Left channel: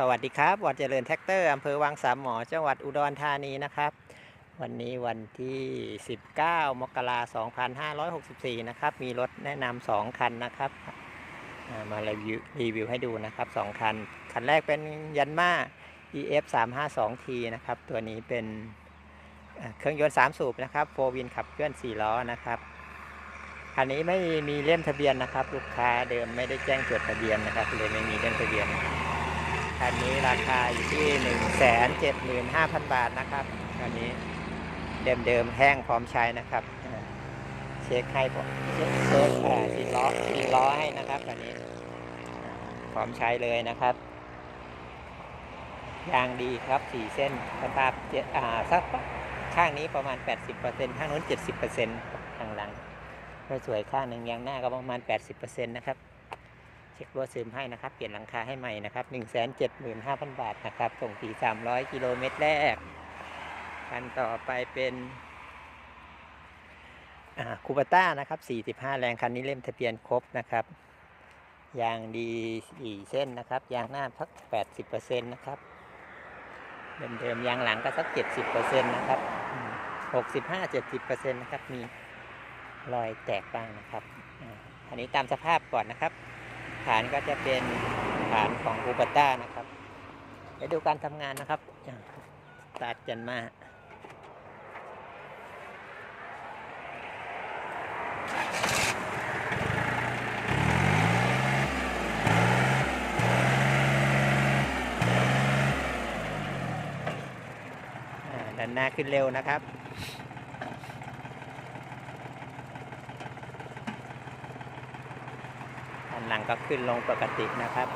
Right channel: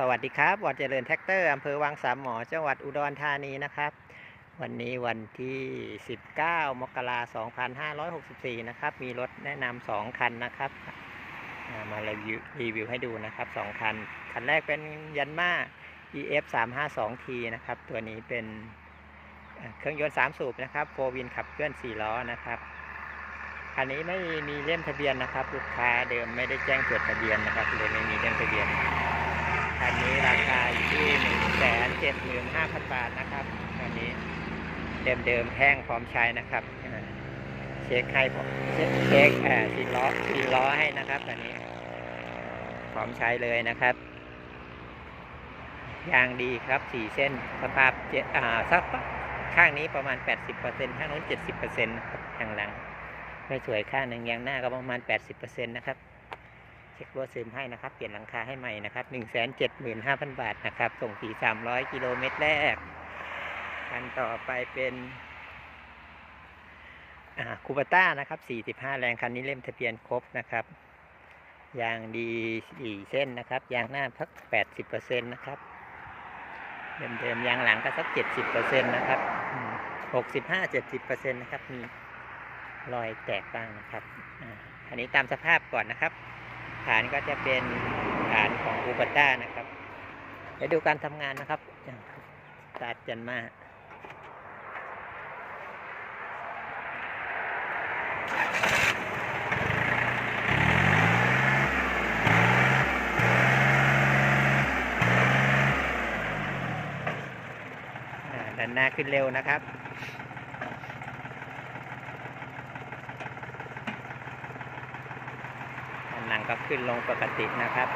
สวัสดีครับวัดเจริญแท็กเตอร์อำเภอวังสามหมอ จังหวัดอุดรธานีนะครับ วันนี้วันที่ 19 มกราคม2564 นะครับ มีรถแนะนำสองคันนะครับอ่ามารีวิวรีวิวให้ดูนะครับสองคัน คันแรกเป็นยันมา EF 352T นะครับ ตัวนี้เป็นเอ่อเครื่องยนต์ 3 สูบนะครับโฟวินขับเคลื่อน 4 ล้อนะครับคันนี้ไม่มีเล่มทะเบียนนะครับ ลูกค้าเดิมไม่ได้แจ้งจดทะเบียนนะครับเลยไม่มีเล่มทะเบียน คันนี้ราคาอยู่ที่หนึ่งแสนเจ็ดหมื่นห้าพันบาทนะครับคันนี้เดิมๆแห้งพร้อมใช้นะครับเช็คให้ผมเช็คเช็คเอ่อสีล้อสีล้อให้นะครับคันนี้พร้อมใช้เลยนะครับยางดีครับสี่เส้นสภาพเจ็ดอ่าสักข้างนี้ประมาณ 80%ข้างนู้น 70%ครับข้างหลัง ไม่สวยข้างหนึ่งยางหน้าก็ประมาณ 80%นะครับ เช็ครัวซึมให้นะครับ เปลี่ยนหลังคาให้ใหม่นะครับ1 7 5 0 0 0บาทนะครับส่งฟรี300กิโลเมตรแรกคันต่อไปเป็นคูปต้านะครับ45แรงคันนี้เล่มทะเบียนครบนะครับยางดีสี่เส้นนะครับยางหน้าพัก80%นะครับเดิมๆยางหลังก็สัก70%นะครับอืม65-70%นะครับมีรอยแตกบ้างนะครับอันนี้ตามสภาพก่อนนะครับ ฐานก็จะเป็นฐานของอูปต้านะครับเดี๋ยวดูการทำงานนะครับตาร์ทกันมาอ่าดันหน้าขึ้นเร็วนะครับ อันหลังก็ขึ้นลงปกตินะครับ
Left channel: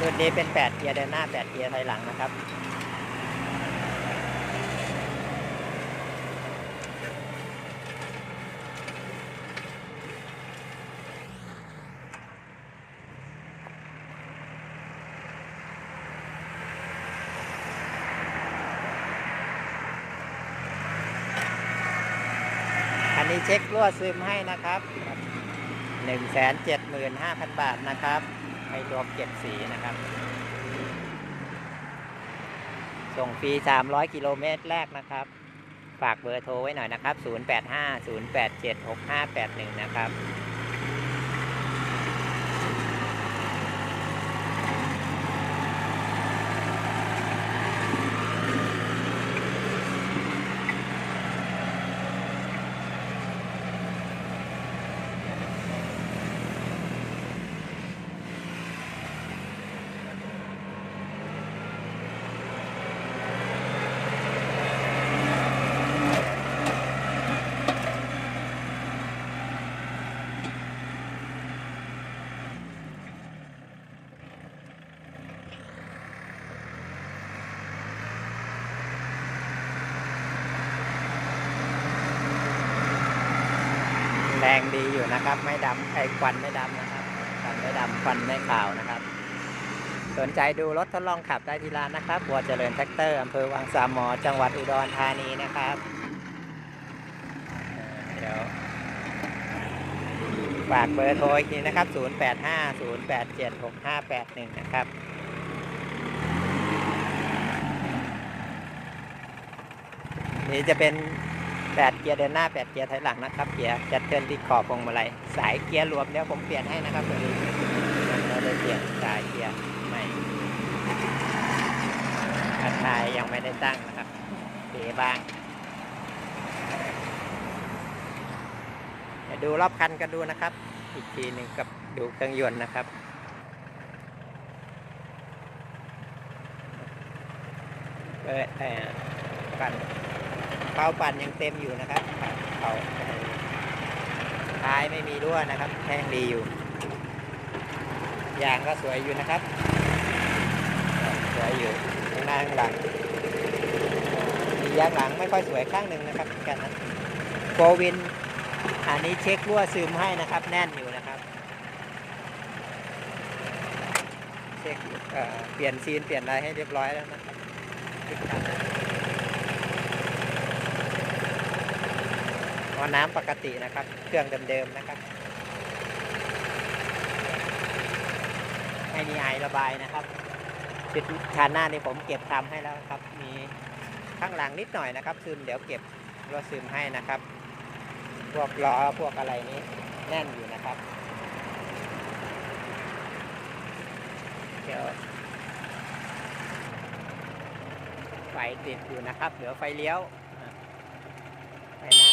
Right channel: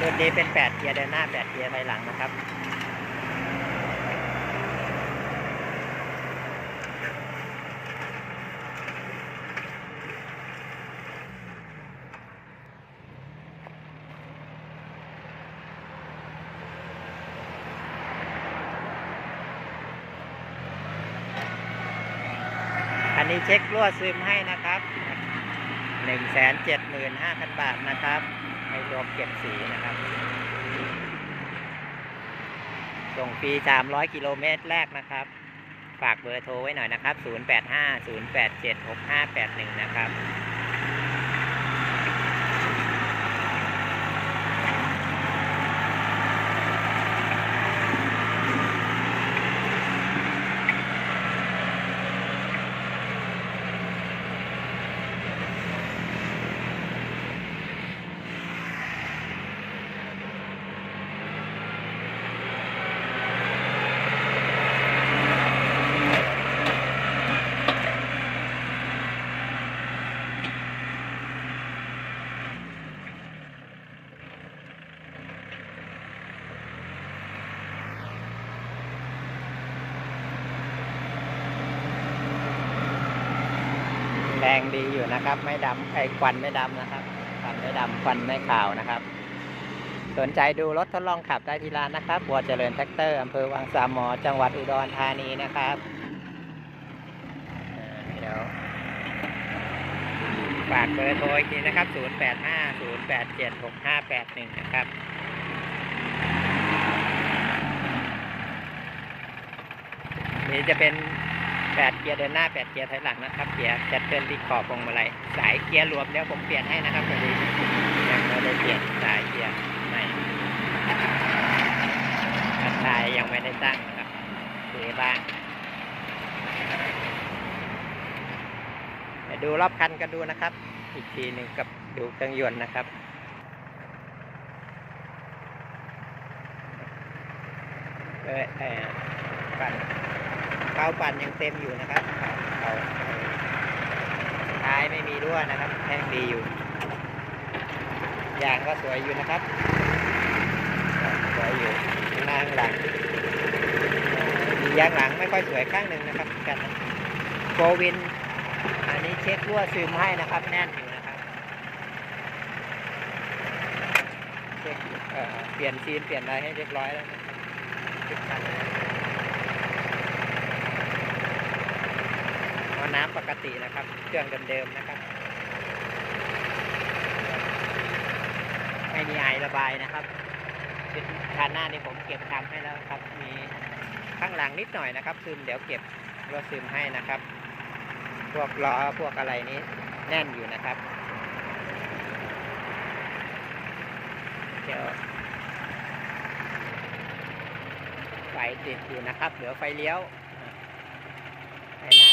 รุ่นนี้เป็น 8 เกียร์เดินหน้า 8 เกียร์ถอยหลังนะครับ นี้เช็ครั่วซึมให้นะครับ175,000บาทนะครับ ในรวมเก็บสีนะครับ ส่งฟรี300กิโลเมตรแรกนะครับ ฝากเบอร์โทรไว้หน่อยนะครับ 0850876581 นะครับ งดีอยู่นะครับ ไม่ดำไอ้ควันไม่ดำนะครับควันไม่ดำควันไม่ขาวนะครับ สนใจดูรถทดลองขับได้ที่ร้านนะครับบัวเจริญแท็กเตอร์อำเภอวังสามหมอ จังหวัดอุดรธานีนะครับเดี๋ยวฝากเบอร์โทรอีกทีนะครับ 0850876581 นะครับนี่จะเป็น 8 เกียร์เดินหน้า 8 เกียร์ถอยหลังนะครับ เกียร์แคทเทิลที่ขอบพวงมาลัยสายเกียร์รวมเดี๋ยวผมเปลี่ยนให้นะครับตัวนี้ยังไม่ได้เปลี่ยนสายเกียร์ใหม่คันทายยังไม่ได้ตั้งนะครับเทบ้างดูรอบคันกันดูนะครับ อีกทีหนึ่งกับดูเครื่องยนต์นะครับเออกันาปั่นยังเต็มอยู่นะครับเขาท้ายไม่มีรั่วนะครับแห้งดีอยู่ยางก็สวยอยู่นะครับสวยอยู่ข้างหน้าข้างหลังมียางหลังไม่ค่อยสวยข้างหนึ่งนะครับกันนะโฟวิน อันนี้เช็ครั่วซึมให้นะครับ แน่นอยู่นะครับเช็คเปลี่ยนซีนเปลี่ยนอะไรให้เรียบร้อยแล้วนะครับ ทุกคันนะอน้ำปกตินะครับ เครื่องเดิมๆนะครับ ไม่มีไอระบายนะครับชุดชานหน้านี่ผมเก็บทำให้แล้วครับ มีข้างหลังนิดหน่อยนะครับ ซึมเดี๋ยวเก็บรถซึมให้นะครับ พวกล้อพวกอะไรนี้แน่นอยู่นะครับ เดี๋ยวไฟติดอยู่นะครับ เหลือไฟเลี้ยวอ่าไฟหน้า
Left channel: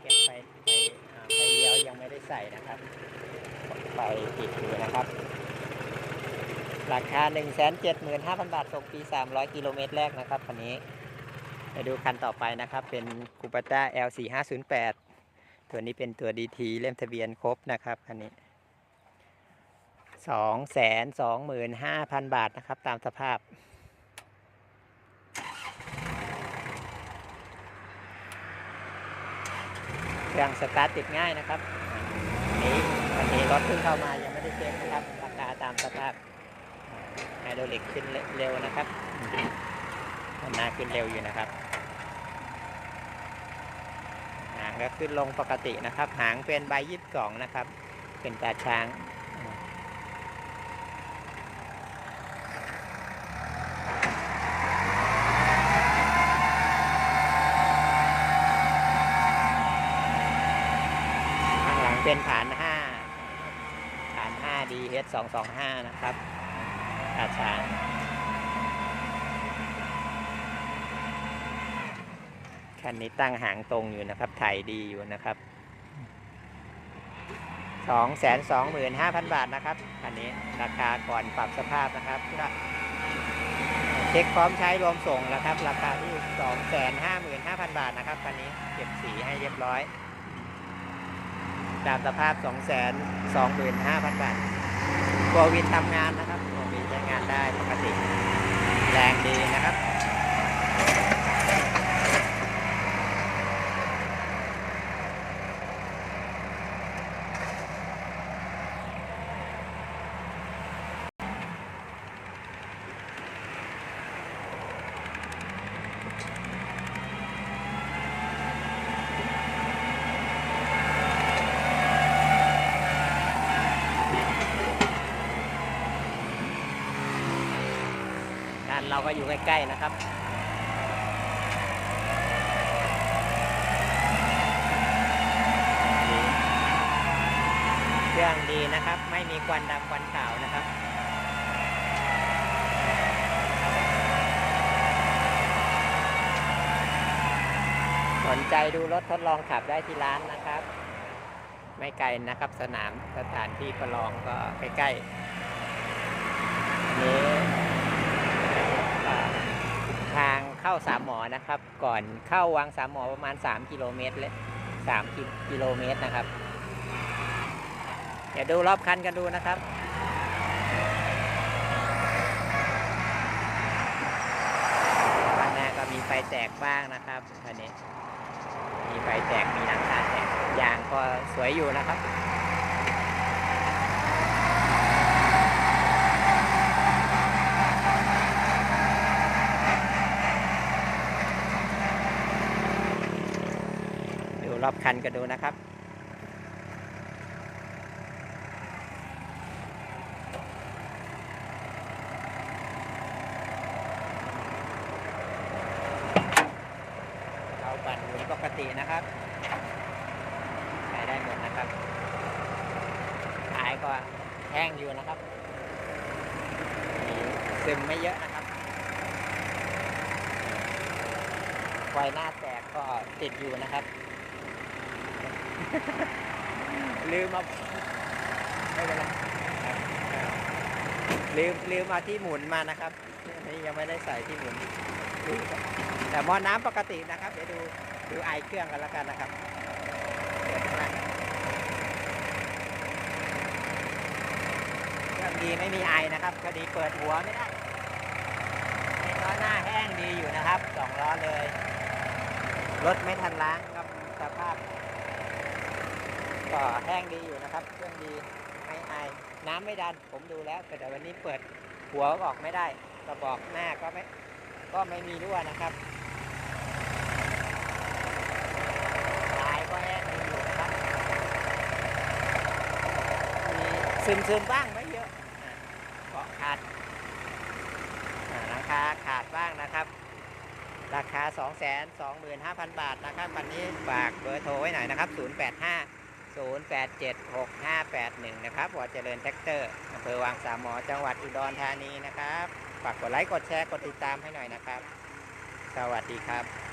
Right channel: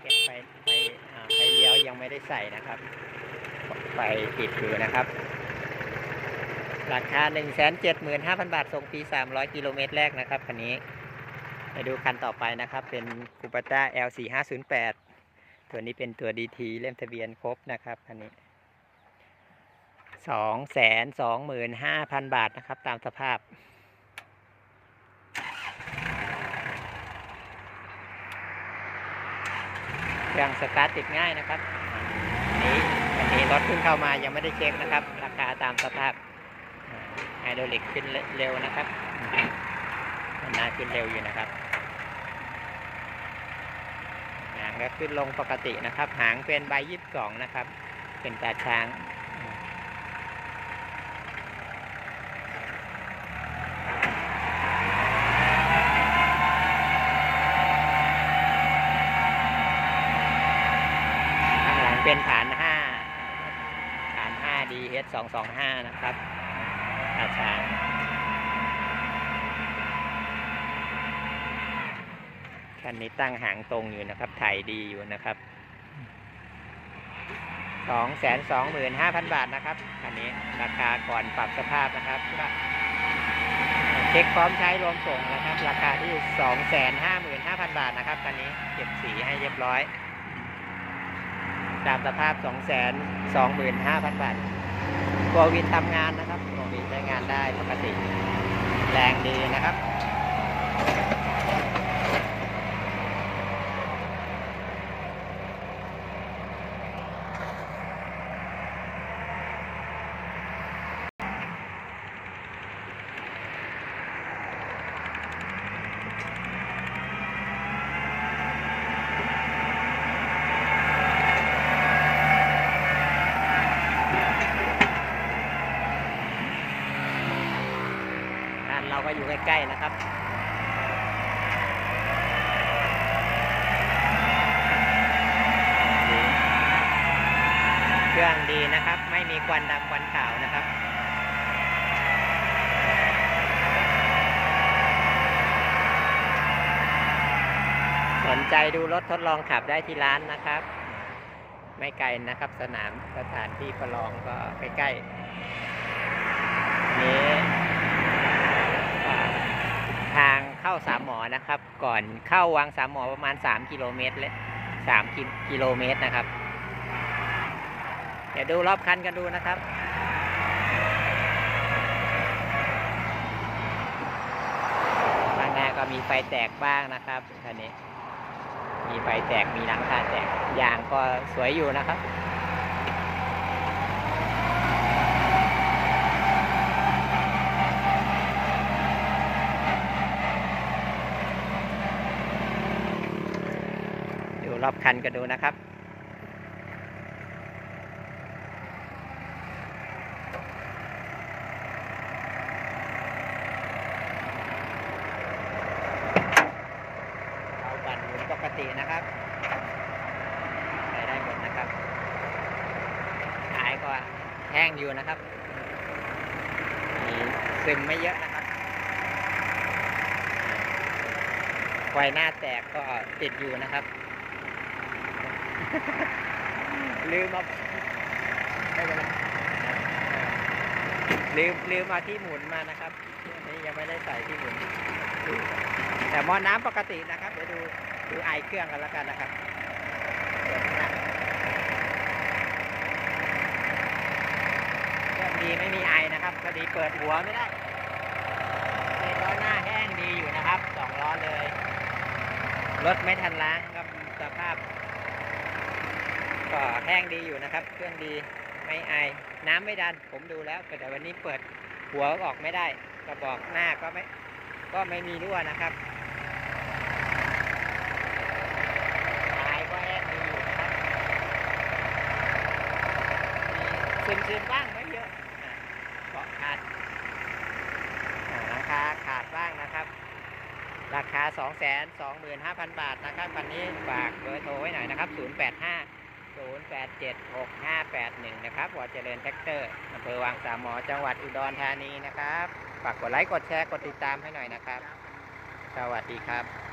เก็บไฟไฟอ่าไฟเลี้ ยวยังไม่ได้ใส่นะครับไฟติดอยู่นะครับราคา 1 7 5 0 0 0 บาทส่งฟรี300 กิโลเมตรแรกนะครับคันนี้ไปดูคันต่อไปนะครับ เป็นคูปต้า L4508 ตัวนี้เป็นตัว DT เล่มทะเบียนครบนะครับคันนี้ 225,000 บาทนะครับ ตามสภาพ เครื่องสตาร์ทติดง่ายนะครับอันนี้อันนี้รถเพิ่งเข้ามายังไม่ได้เช็คนะครับ ราคาตามสภาพไฮดรอลิกขึ้นเร็วนะครับมันน่าขึ้นเร็วอยู่นะครับหางก็ขึ้นลงปกตินะครับ หางเป็นใบยี่สิบสองนะครับ เป็นตาช้าง ข้างหลังเป็นฐาน5ฐาน5 DS 225นะครับตาช้างคันนี้ตั้งหางตรงอยู่นะครับ ถ่ายดีอยู่นะครับ225,000บาทนะครับคันนี้ราคาก่อนปรับสภาพนะครับเช็คพร้อมใช้รวมส่งนะครับ ราคาที่255,000บาทนะครับคันนี้เก็บสีให้เรียบร้อย ตามสภาพ 2 2 5 0 0 0 บาทตัววินทำงานนะครับตัววินใช้งานได้ปกติ แรงดีนะครับ เราก็อยู่ใกล้ๆนะครับเครื่องดีนะครับ ไม่มีควันดำควันขาวนะครับสนใจดูรถทดลองขับได้ที่ร้านนะครับ ไม่ไกลนะครับ สนามสถานที่ประลองก็ใกล้ๆอันนี้ อ่า ทางเข้าสามหมอนะครับ ก่อนเข้าวังสามหมอประมาณ 3 กิโลเมตรเลย3กิกิโลเมตรนะครับเดี๋ยวดูรอบคันกันดูนะครับข้างหน้าก็มีไฟแตกบ้างนะครับคันนี้ มีไฟแตกมีหลังคาแตกยางก็สวยอยู่นะครับ รอบคันกันดูนะครับเอาบัตรหมุนปกตินะครับใช้ได้หมดนะครับท้ายก็แห้งอยู่นะครับซึมไม่เยอะนะครับไฟหน้าแตกก็ติดอยู่นะครับ ลืมมาไม่เป็นไรลืมลืมมาที่หมุนมานะครับนี่ยังไม่ได้ใส่ที่หมุนดูแต่หมอน้ำปกตินะครับ เดี๋ยวดูดูไอเครื่องกันแล้วกันนะครับเดี๋ยวข้างหน้าเครื่องดีไม่มีไอนะครับพอดีเปิดหัวไม่ได้ล้อหน้าแห้งดีอยู่นะครับสองล้อเลยรถไม่ทันล้างครับสภาพ ก็แห้งดีอยู่นะครับ เครื่องดีไม่ไอน้ำไม่ดัน ผมดูแล้วแต่วันนี้เปิดหัวออกไม่ได้กระบอกหน้าก็ไม่ก็ไม่มีรั่วนะครับสายก็แห้งดีอยู่นะครับ มีซึมๆบ้างไม่เยอะเกาะขาดราคาขาดบ้างนะครับราคา 225,000 บาทนะครับ วันนี้ฝากเบอร์โทรไว้หน่อยนะครับ 085 0876 581นะครับวอเจริญแท็กเตอร์อำเภอวังสามหมอจังหวัดอุดรธานีนะครับ ฝากกดไลค์ กดแชร์ กดติดตามให้หน่อยนะครับ สวัสดีครับ